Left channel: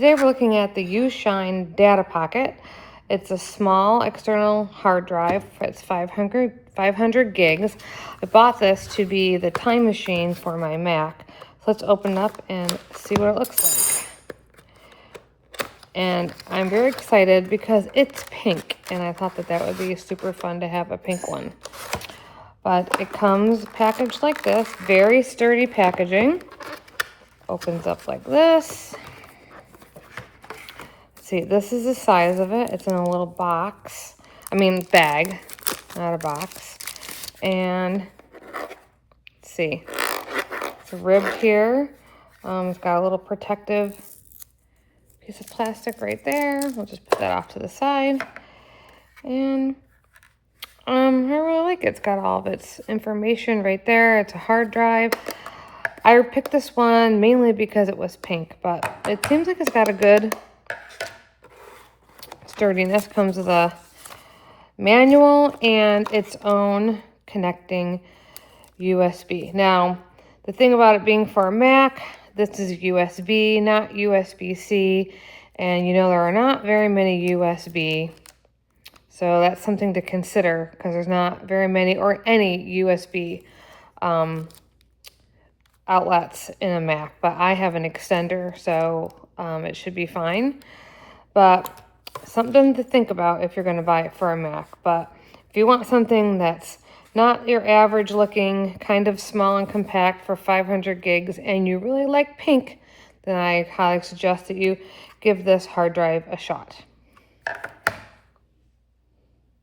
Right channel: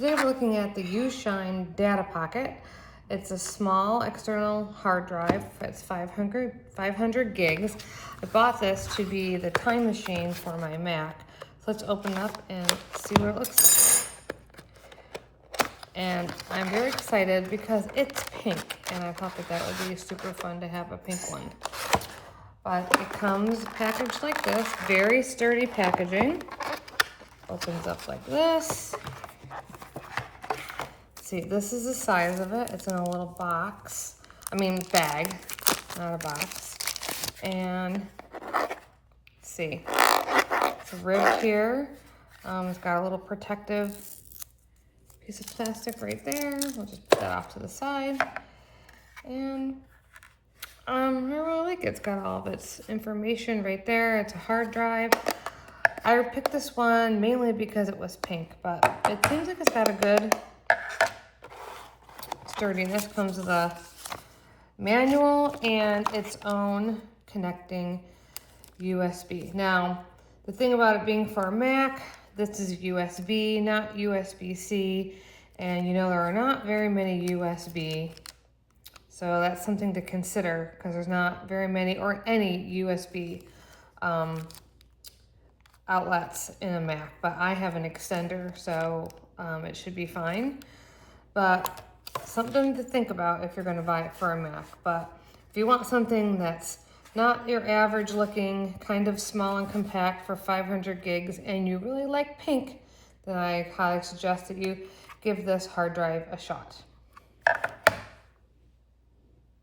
today we're looking at the UnionSine Data Pocket. It's a small external hard drive. It's 500 gigs. I bought this to be the time machine for my Mac. So let's open it up and see what it looks like. And I'm very excited because it's pink, and I thought that that would be super fun to have a pink one. But it comes packaged like this, very sturdy packaging. Opens up like this. See, this is the size of it. It's in a little box. Bag, not a box. And let's see, it's ribbed here. It's got a little protective piece of plastic right there. We'll just put that off to the side. And I really like it. It's got all of its information right there. It's a hard drive. I picked this one mainly because it was pink, but it seems like it's got a good sturdiness. Comes with a manual and its own connecting USB. Now, the thing about it being for a Mac, this is USB, not USB-C, and you know there are not very many USB. So that's something to consider because there's not very many or any USB outlets in a Mac, but I have an extender, so it should be fine. But something to think about if you're going to buy it for a Mac. But if you want something that's not your average looking, kind of small and compact for 500 gigs, and you really like pink, then I highly suggest that you give this hard drive a shot.